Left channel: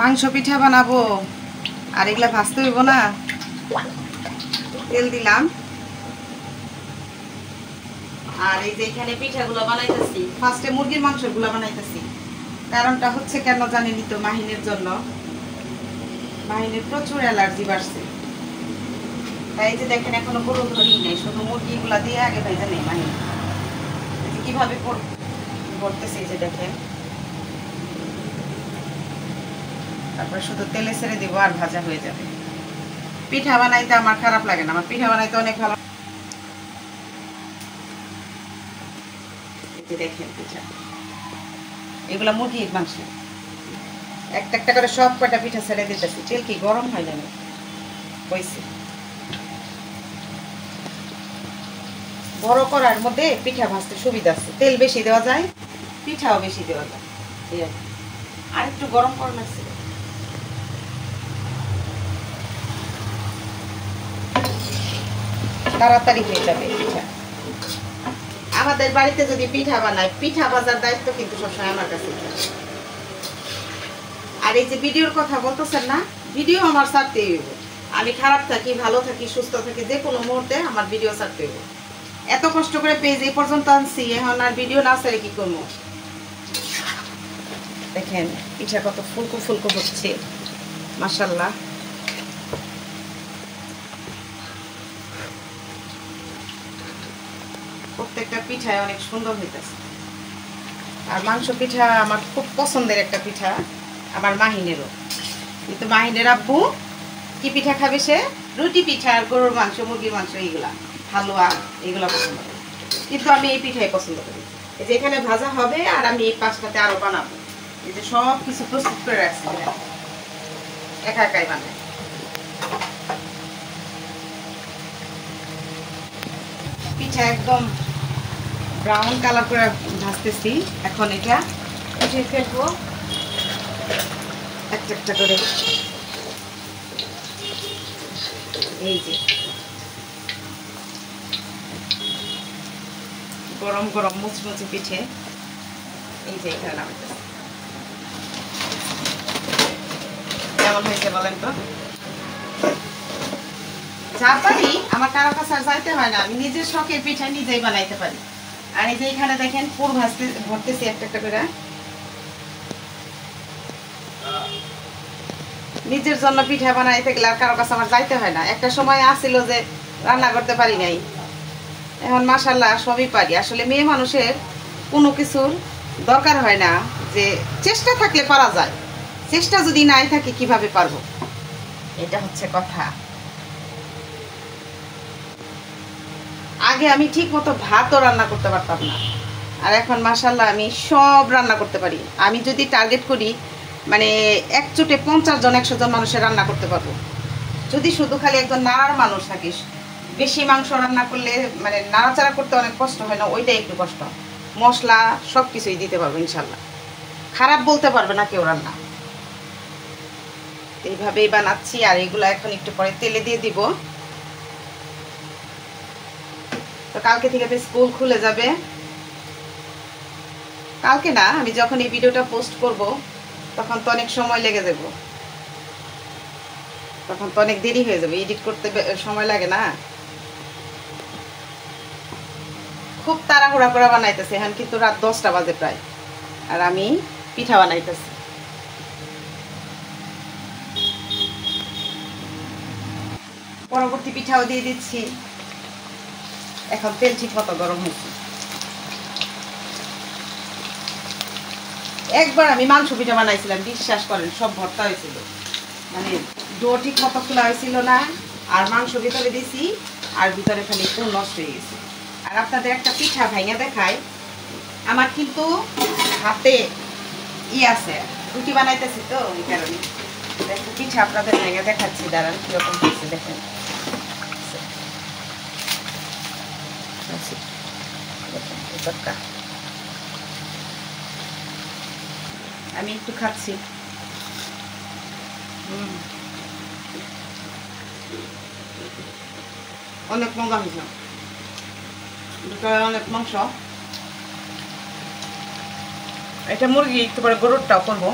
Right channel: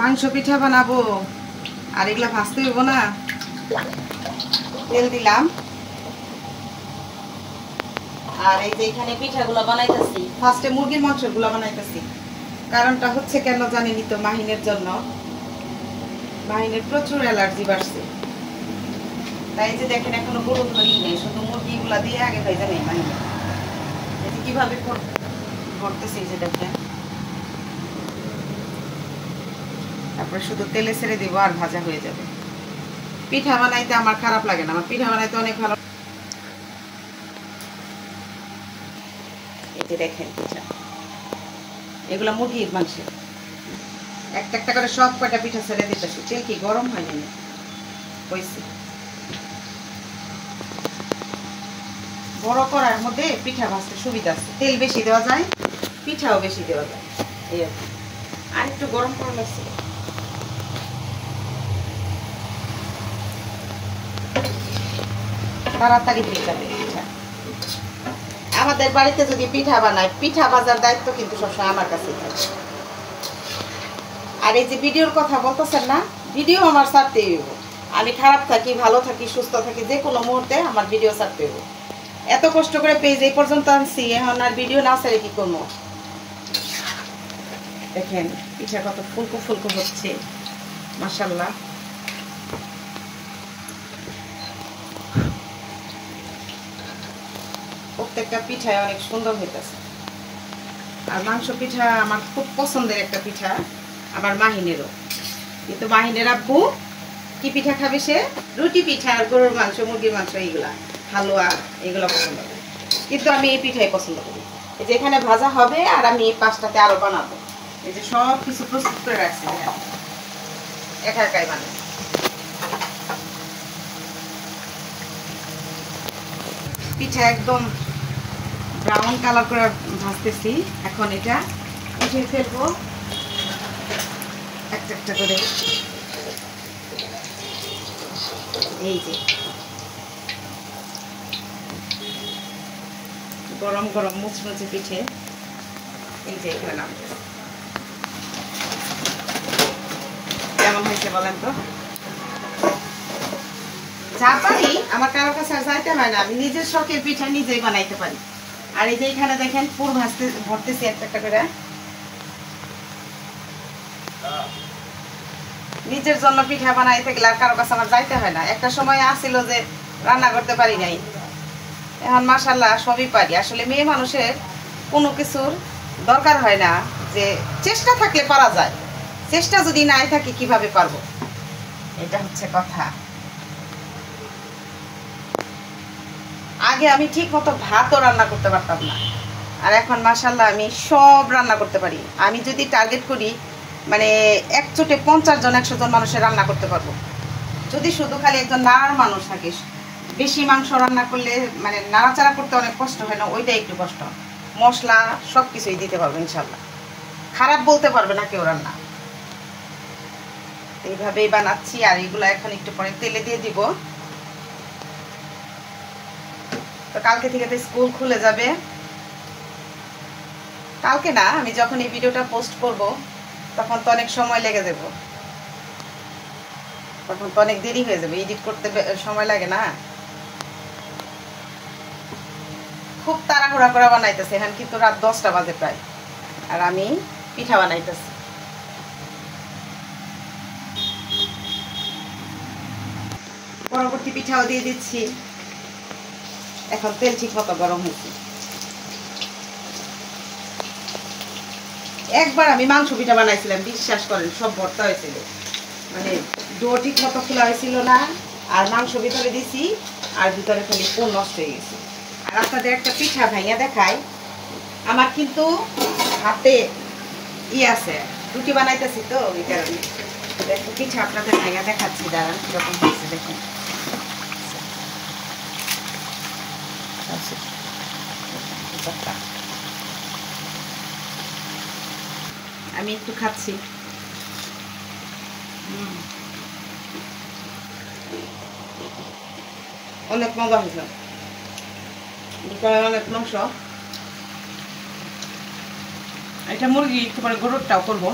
মাংস পিঠা বানাবো আর এগুলা ভাজতে হইব না। তেল দিলাম আর এই যে এখানে পিঠাগুলো বানাইতেছি। ফার্স্টে মুরগির মাংসগুলো বানাইতেছি, কারণটা হচ্ছে কেন জানেনই তো, মাহিনের জন্য। মাহিনের প্রচুর অ্যালার্জি বাড়ছে, তাই যে দেখেন এখনো গরু ধরি নেই, শুধু মুরগিগুলা দিয়ে আগে ভেজে নেই মাহিন। কিভাবে করতেছি যে দেখেন, তারপরে শুধু তেলে ছেড়ে দেবো আর ভাজা হয়ে যাবে। পিঠা বানাইতে আমার খারাপ লাগে না, আমার পিঠা বানাইতে অনেক ভালো। এই যে দেখেন পিঠা, এগুলো মুরগির মাংস। একটা একটা করে সব কয়টা পিঠা ছেড়ে দিতেছি। তেল কি গরম হয় না? হয়েছে। বড় করার মধ্যে পিঠা ভাজতে সুবিধা আছে, তেল বেশি দেওয়া যায়, পিঠাও বেশি দেওয়া যায়। এই আর একটু গরম করা লাগছে, তাড়াতাড়ি হয়ে যাবে পিঠা। আমাদের বাড়িতে যদি পিঠা বানায়, পিঠা ভাজার দায়িত্ব কিন্তু সবসময় আমার কাছে। আর এই যে ভিডিওর কথা বলতেছেন না, ভিডিও আমার ছাড়তেই হইব। আমি খারাপ থাকি, ভালো থাকি, সুস্থ থাকি, যে কোনো মুহূর্তে আমার ভিডিও ছাড়তে হইব। এত কষ্ট করে পেজ এই পর্যন্ত আনছি, এখন আর ভিডিও না ছাড়ে কি করবো? দেখেন পিঠা কত ফুলকো ফুলকো হচ্ছে, মাশাআল্লাহ। প্রত্যেকটা পিঠা অনেক সুন্দর হইতেছে। আর মাংস পিঠা আমার খুব পছন্দের একটা পিঠা, আমার মাহিনেরও। কিন্তু মাহিনের আব্বু কি পিঠা খাবে? সে রুটি পিঠা আর গরুর মাংস, মুরগির মাংস, এইগুলা হালুয়া, এইগুলো পছন্দ করে। কিন্তু আমি এই পিঠাই পছন্দ করি। এই যে এখানে ভাজা হবে আর আমি এই পাঁচটাতে আরো বানাবো। এই যে সব কিছু প্রস্তুত করে রাখছি, একা একাই বানাই। পিঠা একদম ব্রাউন কালার করে ভাজতেছি। এখন এটা উঠিয়ে ফেলবো একটা একটা করে। এই যে গরম গরম মুচমুচে পিঠে, এই যে এখানে নাম কেমন হয়েছে বলেন তো? যা পারি, আমার কারো কাছে আর যাইতে হয় না, আমি নিজের শখের পিঠা নিজেই বানাইতে পারি। আর এই যে এখানে দেখেন পুর ভরতেছি একটা একটা করে। নিজের জন্য পিঠা বানাইতে গেলে আর কারো কাছে আমার যাইতে হয় না। একটা সময় আসছিল যে রান্না করতে পারি নাই, এখন মাশাআল্লাহ সবই পারি। আসলে মেয়ে মানুষের কোনো কিছুর দরকার হয় না, যে চেষ্টা থাকলে পারা যায়, চেষ্টা যদি নাই থাকে কিভাবে পারবো, এটা হচ্ছে কথা। আগে আমি ঠিক মতো ভাতও রান্না করতে পারতাম না, আর এখন মাশাআল্লাহ আমি সব রান্না করতে পারি। আমি যদি টার্গেট করি, মানে এক চোটে 50 জন 100 জন মানুষের রান্না করতে পারবো, যদি শুধু খালি একজন নাড়ার মানুষ থাকিস। বেশি মাংস রান্না করলে মানে নাড়াচাড়া করতে অনেক কষ্ট হয় না, ওইটা একটু কষ্ট। মশলা সব কিছুই দিতে পারবো ইনশাল্লাহ, খারাপ বলতে পারবে না কেউ রান্না। এইভাবেই বানাচ্ছি। আর এগুলো এখন একটু পরে তেলে দিয়ে দিব। তো কালকে থেকে তো স্কুল খুলে যাবে। কালকে না, আমি যখন এই ভিডিওটা পোস্ট করব তখন তো অনেক সময় লেগে যাবে, তখন তো অনেক দেরি হয়ে যাবে, এডিট করতে সময় লাগে না। খুব তাড়াহুড়া করে বানাইতেছে, এখন কিন্তু রাত 10টা বাজে প্রায়, আর আমি পিঠা বানাইতেছি। পরবর্তী পিঠাও দিয়ে দিচ্ছি। এখন তেল ঠিক মতো গরম হয়েছে। একবার আমি মাংস পিঠা বানাইছিলাম, বিশ্বাস করেন সব ভর্তা হয়েছিল, মানে ডো ঠিক মতো খোলা হয়েছিল না, আর মাংস ভিতরে দিছি আর ভিতরে খালি পুর নষ্ট হয়ে গেছে। আর আপনাদের একটা পিঠা ভাইয়া দেখাই, আমার কিন্তু হাতে আছে, রুটি বানাইতেছি তো ওই কারণে পিঠা আপনাদের ভাইয়া দেখাচ্ছি। দাঁড়ান কিরকম হয়েছে দেখেন। আমি একটু খাচ্ছি। অনেক মজা হয়েছে, অনেক মাংস। এটা মুরগি, একটু পরে গরুরটাও করবো।